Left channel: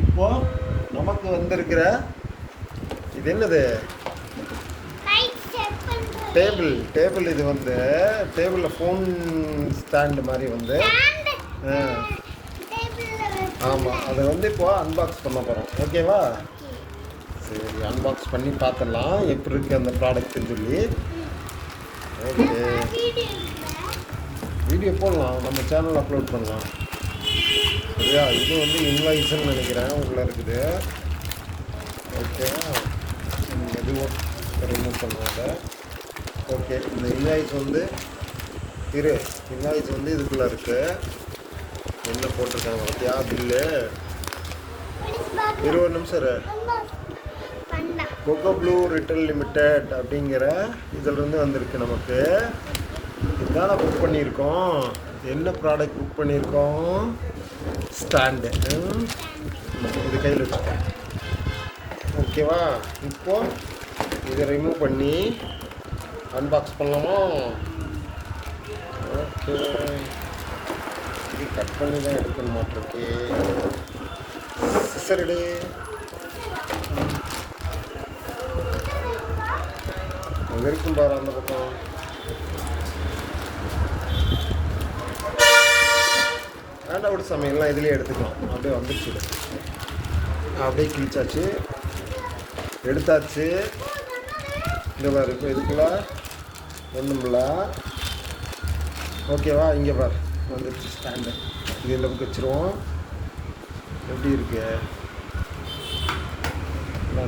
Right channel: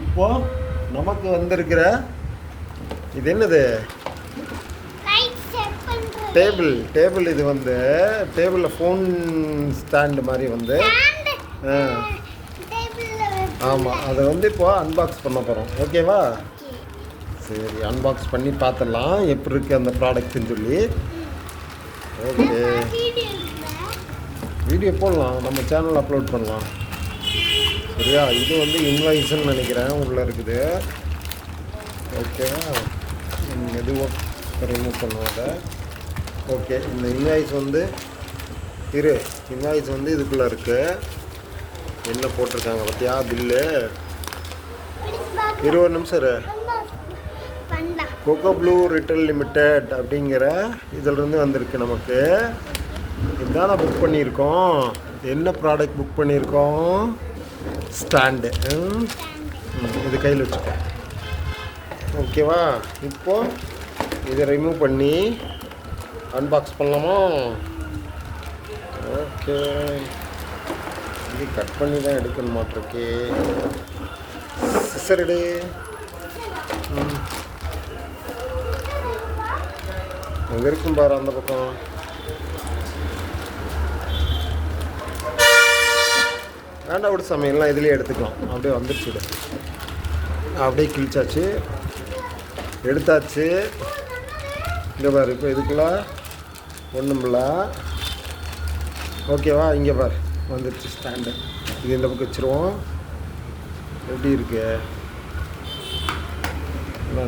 இப்போ நமக்கு வந்திருக்கிற இது என்னது? டேபிள் இது வந்து டேபிளில் ஃபோன் ஸ்டாண்டு மாதிரி வந்து ஆமாம், அதை வந்து இப்போ அன்பாக்ஸ் பண்ண போகிறோம். ஓகேவா? சரி, அன்பாக்ஸ் பண்ணி பார்த்துடலாம் எப்படி இருக்குது அந்த ப்ராடக்ட்னு சொல்லி. ஓகே, வீடியோ போடலாம், நம்ம சேனல் அப்லோட் பண்ணலாம். சரியா? இது வந்து இன்வாய்ஸ்ன்னு நினைக்கிறேன் உள்ளே இருக்குது. ஓகேவா? மெதுவாக ரிமூவ் பண்ணுவாங்க. ஓகே, இந்த இன்வாய்ஸ் வந்து இன்வாய்ஸ் வந்து இதுக்குள்ளே இருக்குது. என்ன போட்டிருக்காங்க பார்த்தியா? பில்லு 20 நிமிஷம். கொக்கோ ப்ளூ ரிட்டெயில் லிமிடெட் அப்படிங்கிற இதிலிருந்து வந்திருக்கு நமக்கு. இதுதான் புக் பண்ணியிருக்கோம். என்ன ப்ராடக்ட் புக் பண்ணியிருக்கோம்? ஸ்டாண்டு. இது கையில் வச்சுருக்கேன். ஓகேவா? இப்போ இதை ரிமூவ் பண்ணி அன்பாக்ஸ் பண்ணலாமா? ஓகே, இது கட் பண்ணி தான் எடுக்கணும் மாட்டிருக்கு. சிசரடு எங்கே இருக்கும் பாரு அந்த பக்கம். ஆண்டோட சமையல்லாம் இதுலேயே எடுத்துக்கலாம். அப்படியே வந்துடுச்சு, அப்படியே கிழிச்சாச்சு, எடுத்தாச்சு. இங்கே பாரு, இப்போ இதுக்குள்ள ஒன்றுமில்ல. ஓகேவா? இங்கே பாரு வந்துடுச்சு ஸ்டாண்டு. இது இந்த பக்கம் வச்சுருவோம். எப்படி இருக்கு?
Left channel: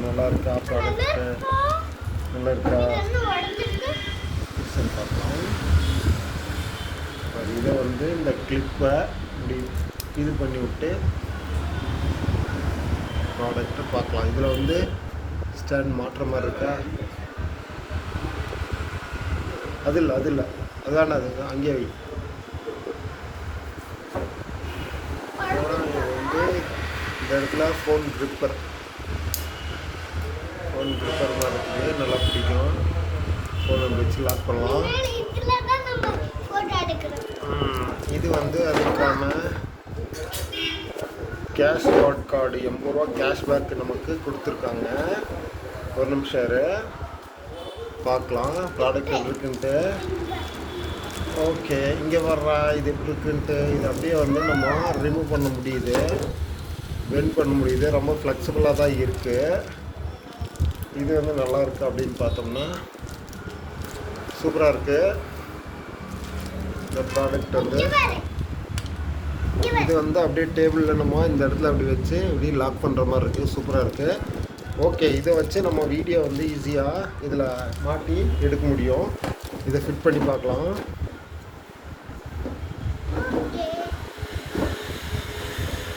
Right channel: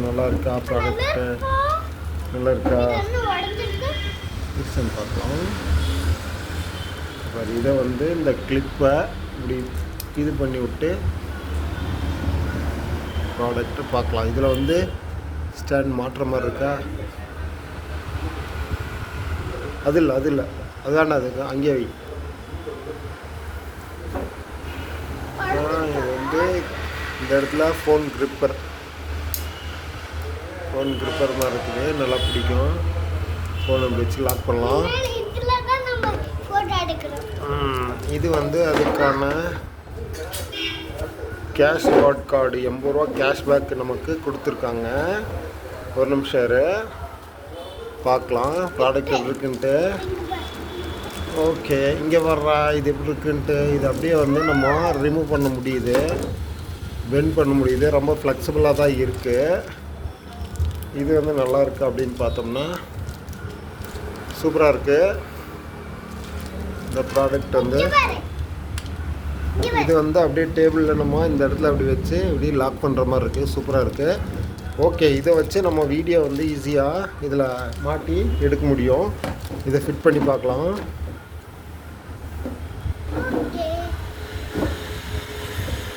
நல்லா இருக்கா? ப்ராடக்ட்டு நல்லா இருக்கா? பார்க்கலாம். இதை வந்து இந்த கிளிப்பை இப்படி இது பண்ணி விட்டு ப்ராடக்ட்டு பார்க்கலாம். இதில் வந்து ஸ்டாண்ட் மாட்டுற மாதிரி இருக்கா? அது இல்லை அதான அது அங்கேயே வை. வந்து இந்த இடத்துல ஃபோன் க்ரிப்பர் மாதிரி இருக்குது. நல்லா பிடிக்கும். ஃபோனை வச்சு லாக் பண்ணலாம். இது வந்து அதுக்கான கேஷ் கார்டு 80 ரூபா கேஷ்பேக் நமக்கு கொடுத்துருக்காங்க. ஒரு நிமிஷம் பார்க்கலாம் ப்ராடக்ட் எப்படி இருக்குன்ட்டு. ஓகே, இங்கே வர்றா இது எப்படி இருக்குன்ட்டு. இது அப்படியே வந்து நம்ம ரிமூவ் பண்ண முடியுது, பெண்ட் பண்ண முடியுது. ரொம்ப ஃப்ளெக்சிபிளாக தான் இருக்குது. இது வந்து நல்லா இருக்குது அப்படின்னு பார்த்தோம்னா சூப்பராக இருக்குது இந்த ப்ராடக்ட் வந்து. இது வந்து அப்படியே டேபிளில் நம்ம இந்த இடத்துல அப்படி வச்சு இப்படி லாக் பண்ணுற மாதிரி இருக்குது. சூப்பராக இருக்குது. ஓகே, இதை வச்சு நம்ம வீடியோ வந்து ஈஸியாக இதில் மாட்டி எடுக்க முடியும். இதை ஃபிட் பண்ணி பார்க்கலாம்.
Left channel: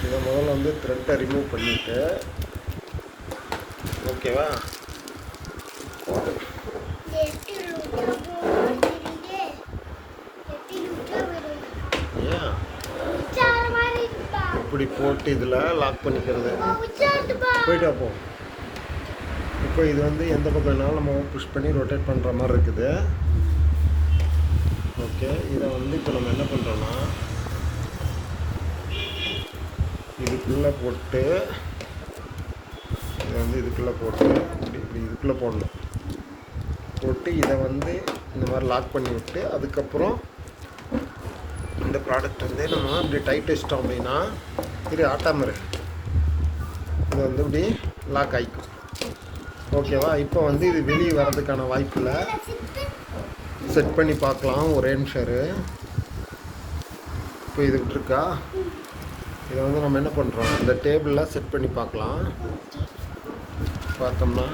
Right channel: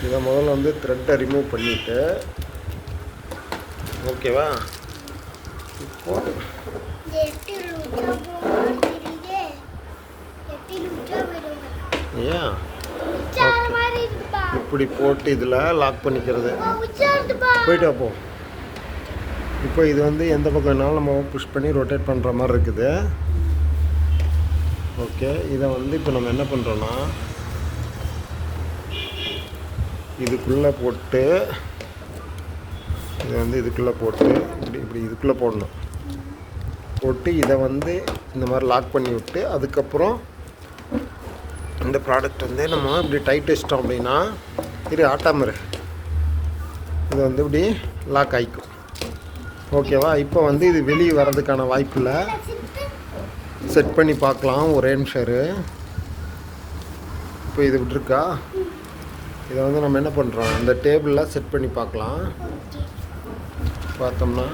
இதை முதல்ல வந்து த்ரெட்டை ரிமூவ் பண்ணிவிட்டு, ஓகேவா? இப்படி போட்டு இதில் லாக் பண்ணிக்கிறது. போயிட்டு வைப்போம். இப்போ இது வந்து எந்த பக்கம் வேணாலும் நம்ம புஷ் பண்ணி ரொட்டேட் பண்ணுற மாதிரி இருக்குது. ஓகே, இதை வந்து இப்போ நம்ம என்ன பண்ணுறோன்னா இதுக்குள்ளே போட்டு இதை வந்து இதுக்குள்ளே போட்டு இப்படி இதுக்குள்ளே போட்டு இதை வந்து இந்த மாதிரி லாக் பண்ணி விட்டு, அதுக்கப்புறம் இந்த ப்ராடக்ட் வந்து நம்ம இப்படி டைட் வச்சிட்டோம் அப்படின்னா இது ஆட்டாமரு இது வந்து இப்படி லாக் ஆகிக்கும். ஓகேவா? இப்போ வந்து இது வெளியே வர்றதுக்கான வாய்ப்பில் செட் பண்ணி பார்க்கலாம். ஒரே நிமிஷம். இப்போ இது விட்டுருக்கா? இதை வந்து நம்ம என்ன பண்ணுறோம், இந்த டேபிளில் செட் பண்ணி பார்க்கலாம். பார்த்தோம்னா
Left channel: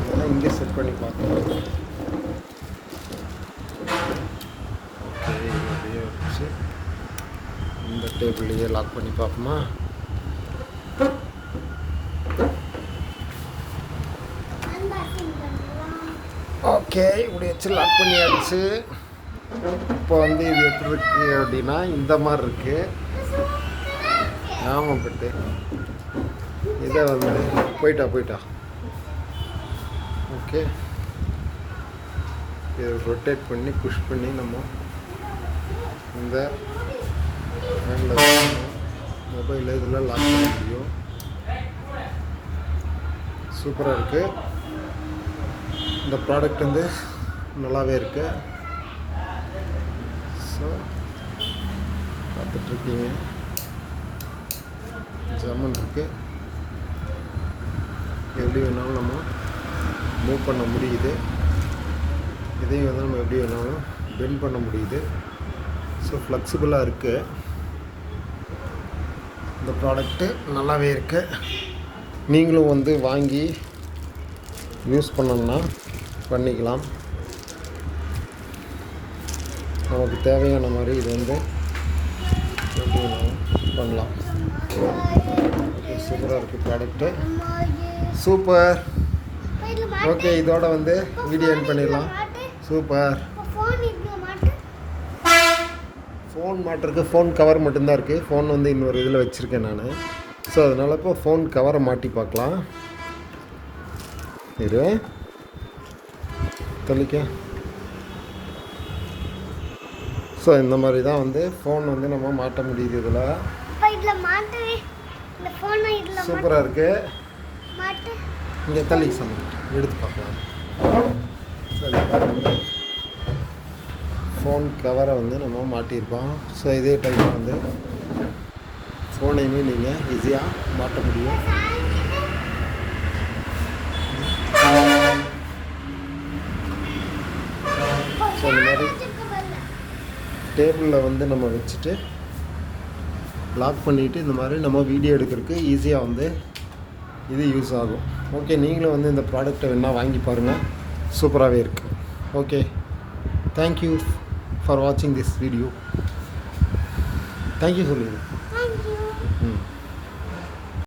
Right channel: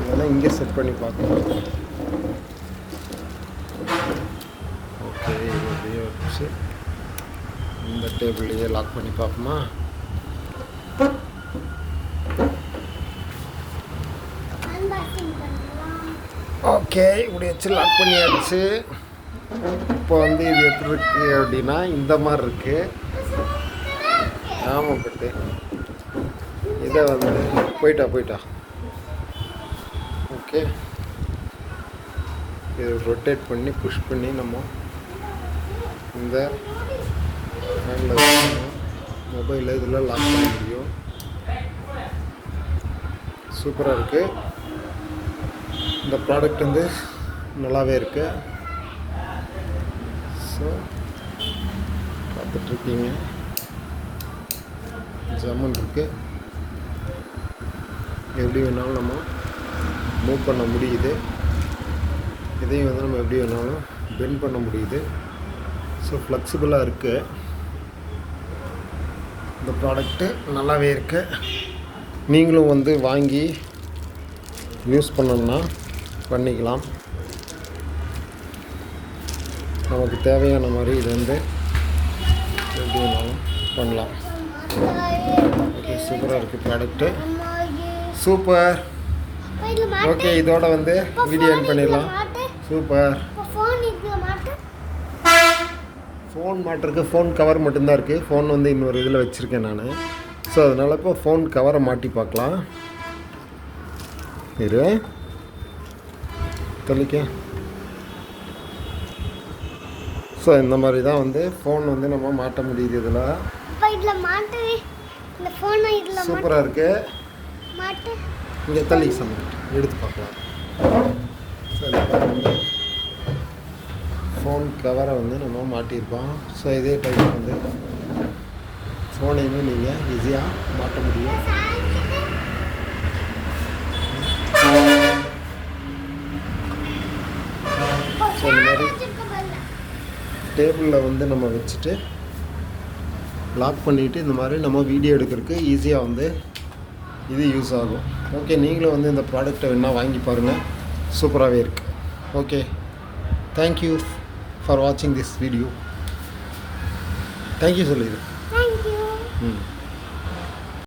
இதெல்லாம் இங்கே செட் பண்ணி பார்க்கலாம். ஓகே, இது அப்படியே வச்சு இந்த டேபிள்லேயே லாக் பண்ணி பார்ப்போமா? ஓகே, இப்படி வச்சு லாக் பண்ணியாச்சு. இப்போ வந்து இது எப்படி இருக்குது அப்படின்னா இந்த மாதிரி இருக்குது. ஆமாம், பட்டு இதை வந்து போயிட்டா. ஓகே, இதை ரொட்டேட் பண்ணி புஷ் பண்ணி நம்ம இந்த ஹேண்டில் மொபைல் இதில் லாக் பண்ண முடியும். சூப்பராக இருக்குது. இந்த ப்ராடக்ட் வந்து நல்லாவே இருக்குது. ஸோ பார்த்துட்ருக்கீங்க, ஜம்மன் இருக்குது. எப்படி வேணாலும் நம்ம மூவ் பண்ண முடியுது. இதையும் வந்து நம்ம எப்படி வேணாலும் பெண்ட் பண்ண முடியுது. ஸோ ஃப்ளெக்சிபிளாக இருக்குது. இந்த ப்ராடக்ட்டு நல்லாவே இருக்குது. நீங்களும் வந்து வாங்கி யூஸ் பண்ணணுன்னா பண்ணிக்கலாம். நமக்கு தேவையான மாதிரி இது வந்து எப்படி வேணாலும் பண்ணலாம். ஓகே, சூப்பராக இருக்குது ப்ராடக்ட்டு. சூப்பர். ஓகே, இதோட வந்து வீடியோ எண்ட் பண்ணிடலாம். சூப்பர். ஃபோன் மாட்டுறதுக்கு ஃபோன் கவர் மட்டும்தான் இருக்குது. ஃபோன் வந்து இன்னொரு இதில் வச்சுருக்கேன் நான். ஸோ அதனால் இப்போ ஃபோன் கவரை மாட்டி பார்க்கலாம். இரு தெளிக்க. ஸோ இந்த மாதிரி தான் வந்து ஃபோன் வந்து நம்ம மாட்ட முடியுது. இதில் சூப்பராக இருக்குது. இங்கே தள்ளி சமைக்க எடுத்து பார்க்கலாம். சரி, ஃபோன் கவரை வந்து நம்ம மாட்டியிருப்போம். ஸோ இதே டைப் வந்து ஃபோனையுமே நீங்கள் ஈஸியாக மாட்ட முடியும். ஸோ இந்த மாதிரி டேபிளில் வந்து நம்ம வச்சுட்டு லாக் பண்ணிவிட்டு இந்த மாதிரி நம்ம வீடியோ எடுக்கிறதுக்கு ஈஸியாக வந்து இது யூஸ் ஆகும். ஓகே, நீங்களும் வந்து இந்த ப்ராடக்டை வேணால் வாங்கி பாருங்கள். சூப்பராகவே இருக்குது. ஓகே, தேங்க்யூ ஃபார் வாட்சிங் திஸ் வீடியோ. தேங்க்யூ சொல்லிடு. ம்